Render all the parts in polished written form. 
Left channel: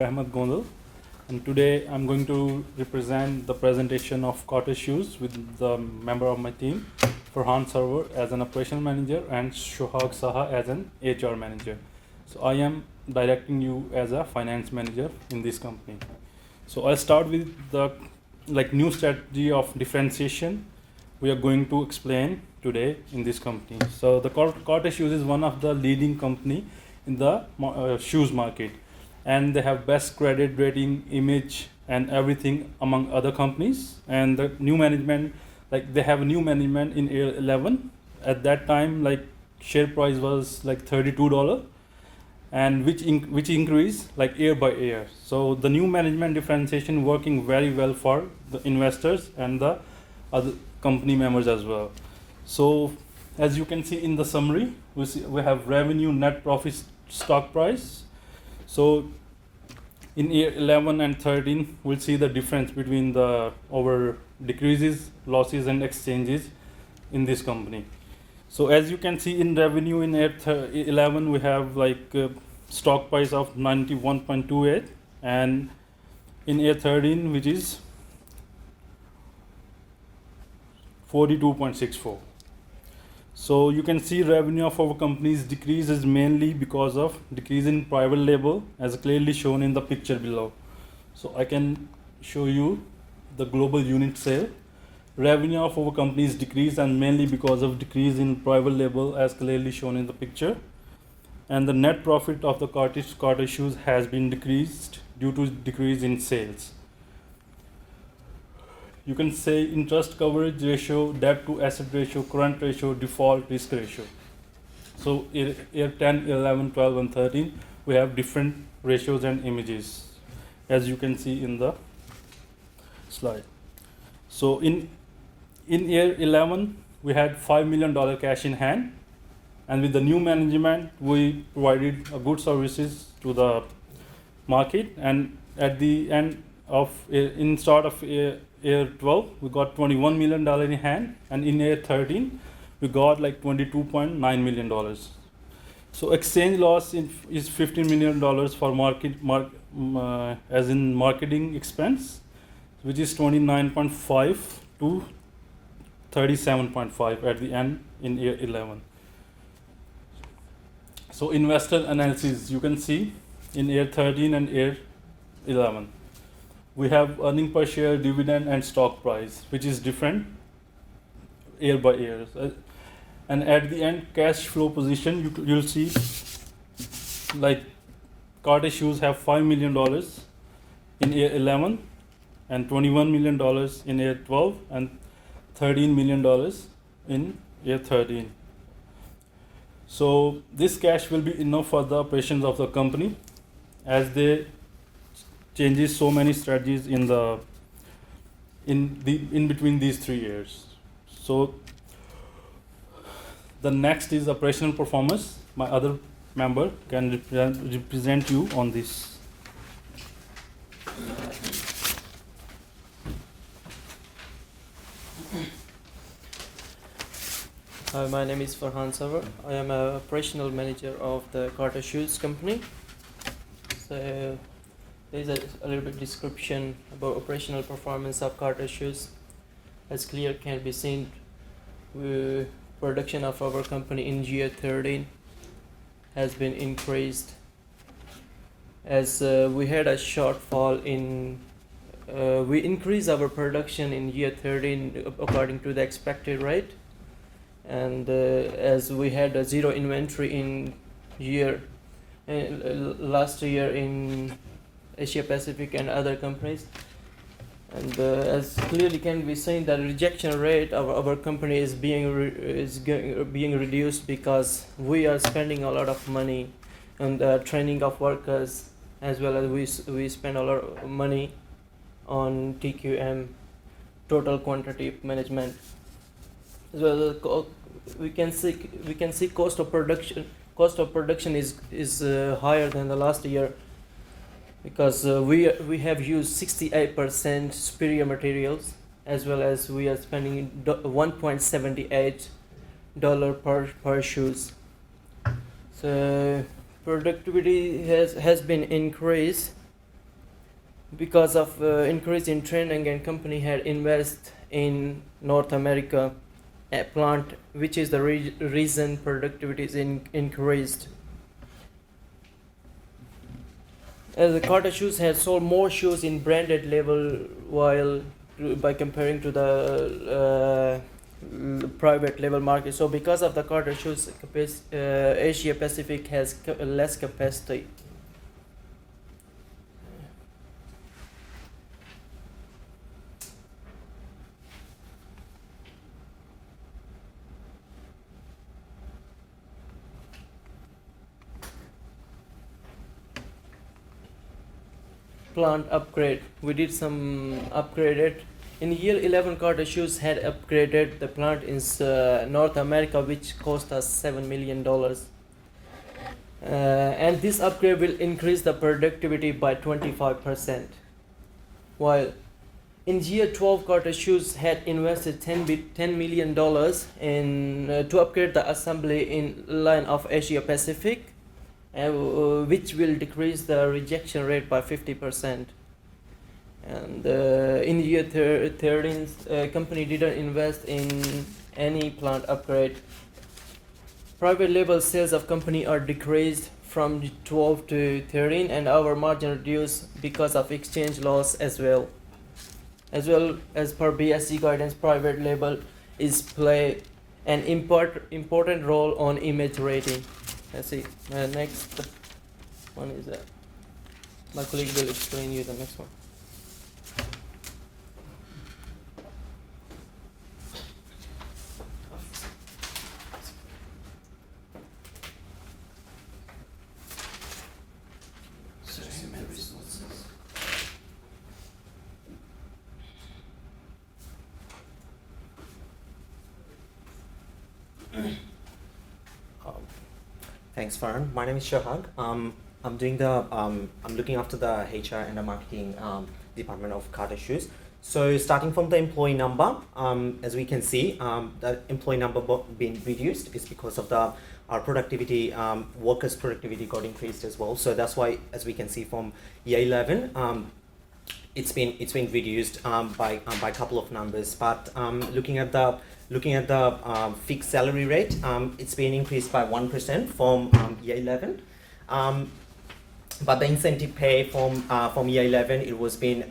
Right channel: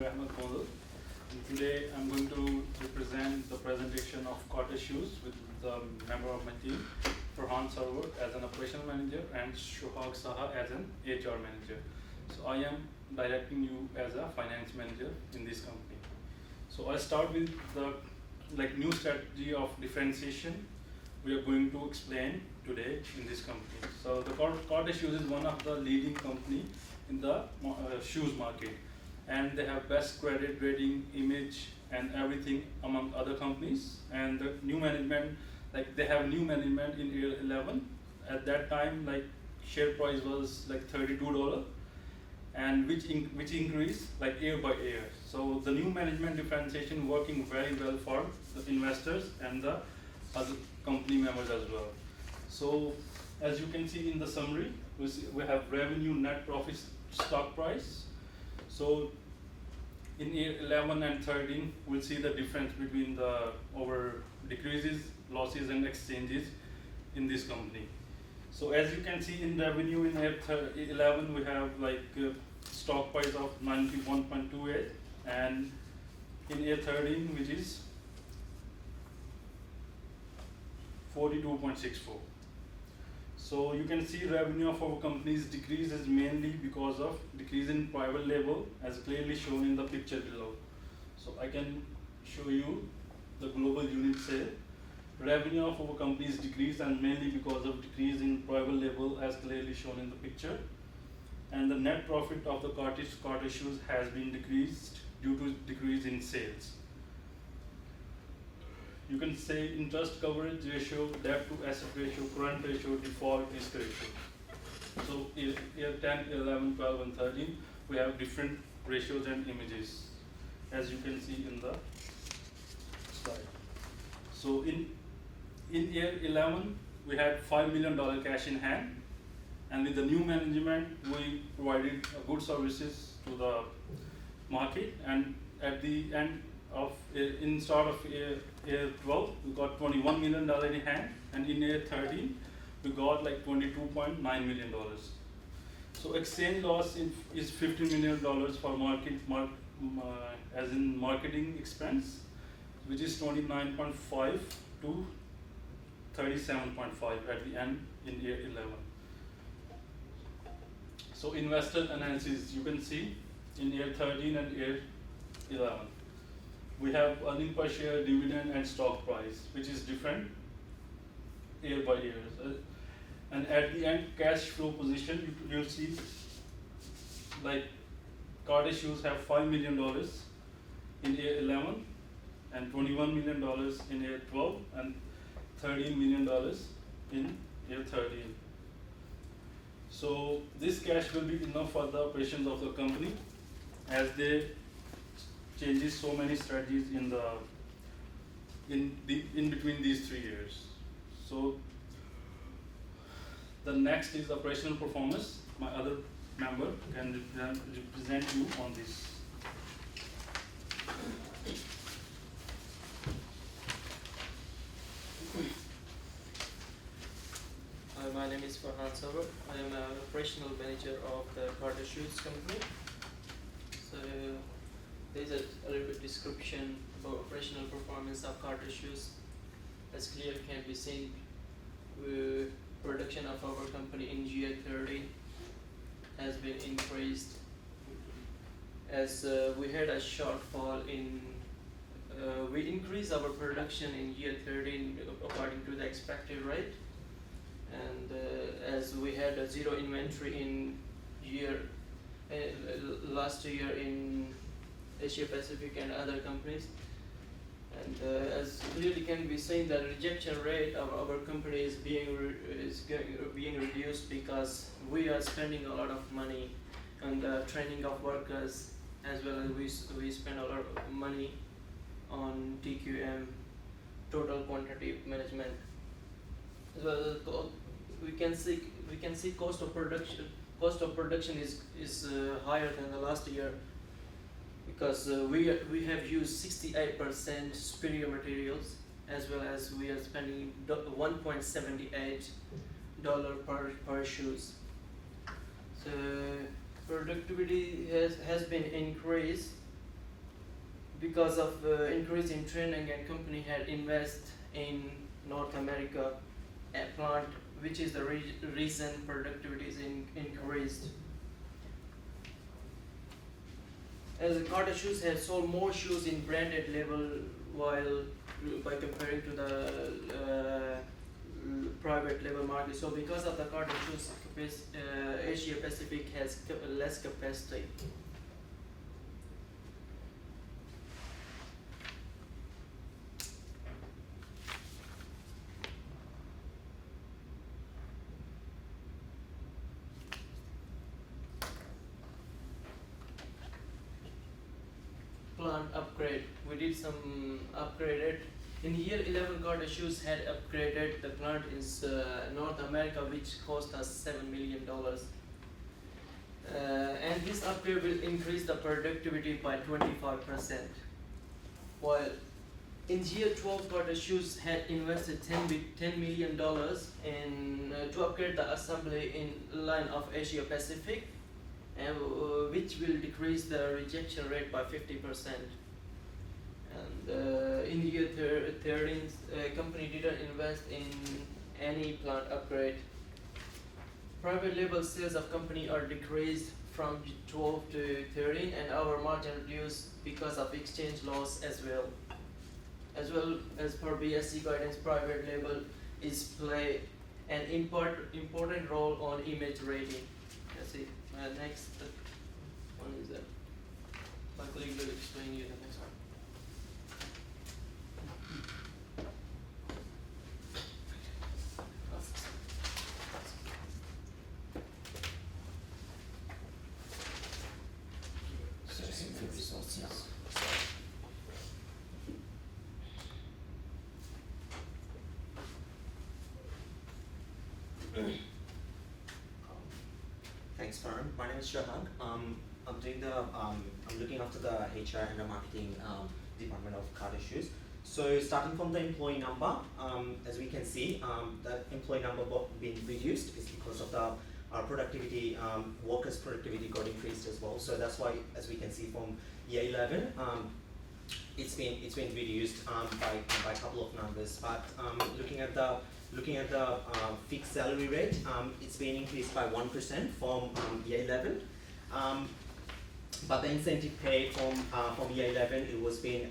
Ahmed Gondal, and today I'm going to represent the presentation of Carter Shoes with the member of my team, Farhan Sarwar as an operational manager and Shohag Saha as an HR manager. So I am directing you as a finance manager in this company. So I'll start with the new strategy of differentiation we are going to explain today in this company. So the Carter Shoes is one of the leading company in the shoes market, and they have best credit rating, image, and everything among other companies. And the new management, they have new management in year 11. At that time, share price was like $32, and which increased like year by year. So the new management differentiation working very well for the investors and the other company members as well. So as you can see in the summary, we have revenue, net profit, stock price. So in year 11 and 13, we'll see the difference between the over decreases, losses, and exchanges in this company. So as you can see in revenue in year 11, we have stock price of 91.28, and in year 13, which is 42.64. So you can see revenue of our company's decrease is mainly because of decrease in private label, as clearly shown in the picture below. So I can show you the global unit sale. Revenue of our company's decrease, and mainly because of decrease in private label, as clearly shown in the picture. And the net profit of the Carter Shoes has been decreased due to decrease in sales. You can say interest coverage ratio, debt to asset ratio, current ratio, default risk ratio. So year 10, 11, 12, and 13, we have different ratios and images, as you can see in the slide. So in year 11, we had $5 million cash in hand, and with the new management, we provided good services to the market. And at the end of start of year 12, we got $21 million in hand, and in year 13, we got like $22.9 million. So exchange loss is $15 million for as in marketing expense, which is 29.5 to 37.5 at the end in year 11. So investor analysis, you can see in year 13 and year 11. We have earning per share, dividend, and stock price, which is different year by year. And at the end, cash flow position, you'll see like Carter Shoes have $5 million in year 11, and $21 million in year 12, and $13 million in year 13. So this cash will be enough for the operations of the company, as they changes so many strategies in between these 3 years. So the next is operational performance. My other member can represent you on this. Hi, my name is Farhan Sarwar. I am an operational manager of the Carter Shoes company. So there is a little bit description about operational performance of Carter Shoes. As clear can be seen, production of our company in year 13 has been increased, as we had a shortfall in we increased our production in year 13 according to the expected rate, and as we had a zero inventory in last year in Asia Pacific and other companies, and as clearly can be seen, the rejection rate of our company is being reduced, because we are spending a lot of money on the training of workers, as well as we spend a lot of money on TQM, total quantity management. So we can see cost of production is higher than the last year, because we have used 68% superior materials, as well as we are spending $1.78 per shoes. So productivity has been increased, because of increase in training, and company had invest in North America plant, which is the reason productivity is increased. As the Carter Shoes has sold more shoes in branded level, while by comparing to the private label market. So because of the Carter Shoes, Asia Pacific has less capacity. Plant upgrade. We did some upgraded. In year 11, Carter Shoes had upgraded the plant in North America, which cost us $7 million. And this upgrade will increase the productivity by 25%. While in year 12, Carter Shoes had invested $10 million in to upgrade the assembly in line of Asia Pacific, and which will decrease the rejection rate by 50%. And in year 13, company didn't invest in any plant upgrade. Private label sales of company are decreased from 12 to 13, and our margin reduced because of exchange loss as well. As well as per BSC guidance, private label is play an important role on image rating. Let's see. Next one is my colleague will explain you the next one. Thanks, Farhan. My name is Shahag. I'm doing I'm looking after the HR and the marketing department of Carter Shoes. So starting from the employee number, as we can see, the employee number being reduced is because of our productivity, workers' productivity got increased as well. So that's why, as we can see from year 11, it's been reduced by a couple of numbers. But looking at the fixed salary rate, it's been increased by 1% from year 11. But the incentive pay from year 11, it was being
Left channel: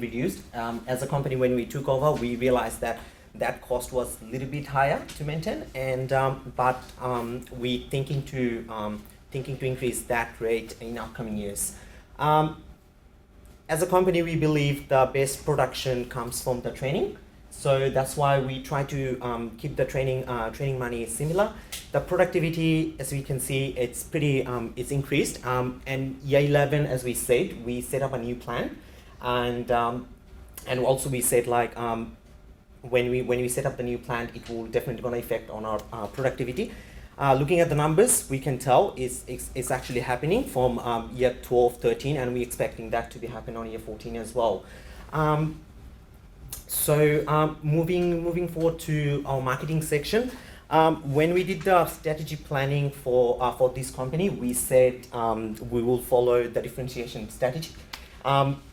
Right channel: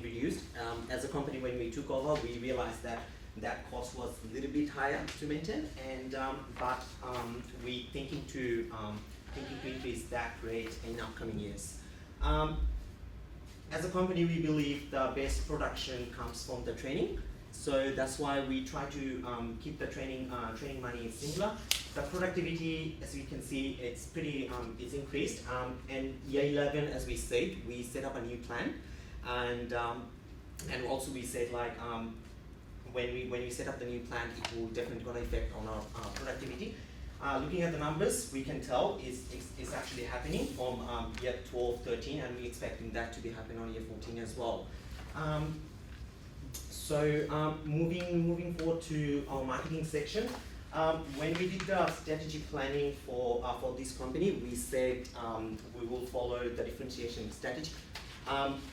reduced. As a company, when we took over, we realized that cost was a little bit higher to maintain, and but we thinking to increase that rate in upcoming years. As a company, we believe the best production comes from the training. So that's why we try to keep the training money similar. The productivity, as we can see, it's pretty it's increased. And year 11, as we said, we set up a new plan, and also we said like when we set up the new plan, it will definitely gonna affect on our productivity. Looking at the numbers, we can tell it's actually happening from year 12, 13, and we're expecting that to be happening on year 14 as well. So moving forward to our marketing section, when we did the strategy planning for this company, we said we will follow the differentiation strategy.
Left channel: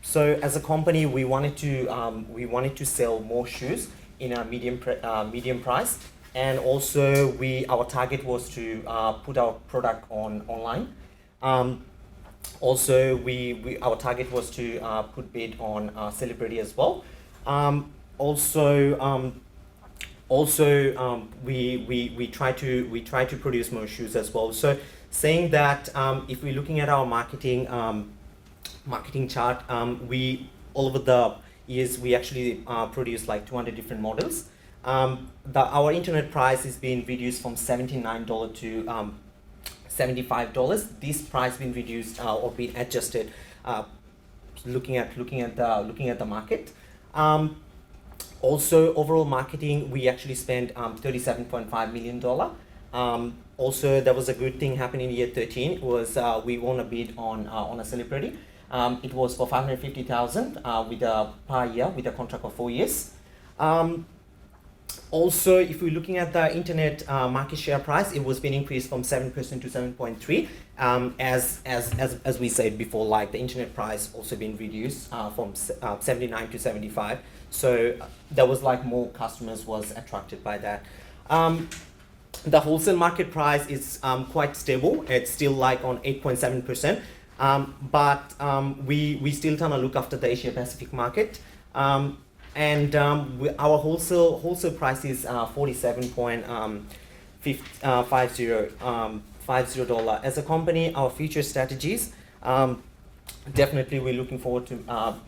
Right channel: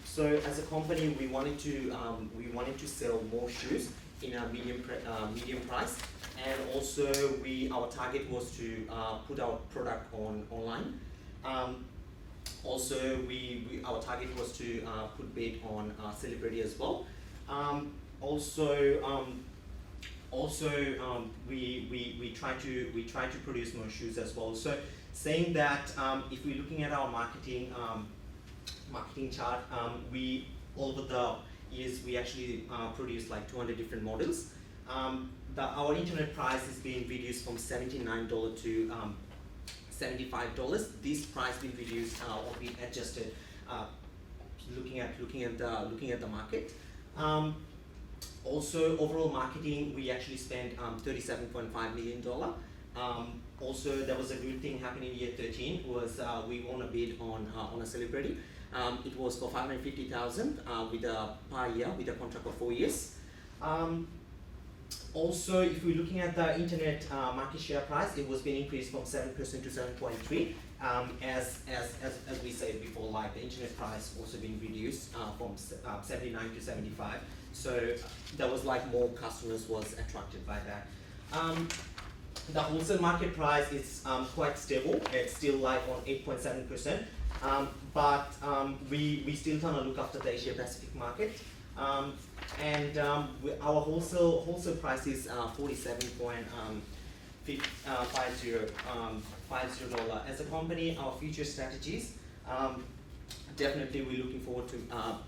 So as a company, we wanted to sell more shoes in a medium price, and also our target was to put our product online. Also, our target was to put bid on celebrity as well. We try to produce more shoes as well. So saying that, if we're looking at our marketing chart, we all over the years we actually produce like 200 different models. Our internet price is being reduced from $79 to $75. This price been reduced or been adjusted, looking at the market. Also, overall marketing, we actually spent $37.5 million. Also, there was a good thing happening in year 13 was we won a bid on a celebrity. It was for $550,000 with a per year with a contract of 4 years. Also, if we're looking at the internet market share price, it was being increased from 7% to 7.3%. As we said before, like the internet price also been reduced from 79 to 75. So there was like more customers was attracted by that. The wholesale market price is quite stable. It's still like on 8.7%. But we still trying to look after the Asia Pacific market. Our wholesale price is $47.50. As a company, our future strategies, definitely we're looking forward to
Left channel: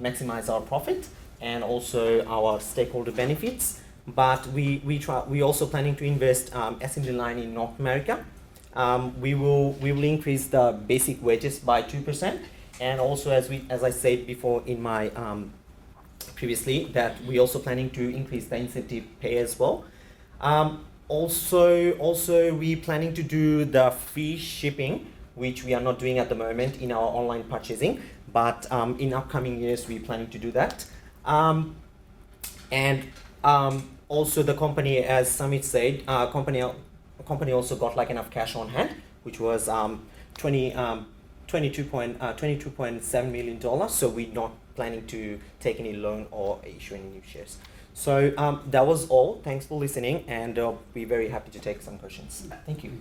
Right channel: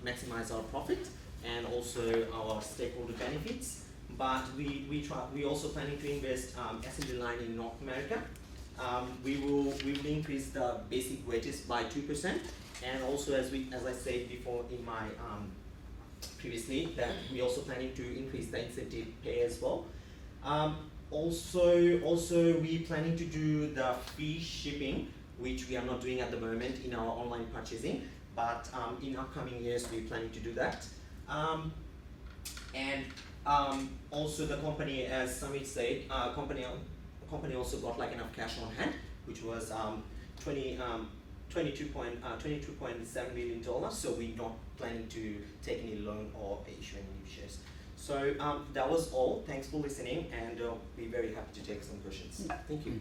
maximize our profit and also our stakeholder benefits. But we also planning to invest assembly line in North America. We will increase the basic wages by 2%, and also as I said before in my previously, that we also planning to increase the incentive pay as well. Also we planning to do the free shipping, which we are not doing at the moment in our online purchasing, but in upcoming years we planning to do that. Also the company, as Samit said, company also got like enough cash on hand, which was $22.7 million. So we're not planning to take any loan or issue any new shares. So that was all. Thanks for listening, and we're very happy to take some questions. Thank you.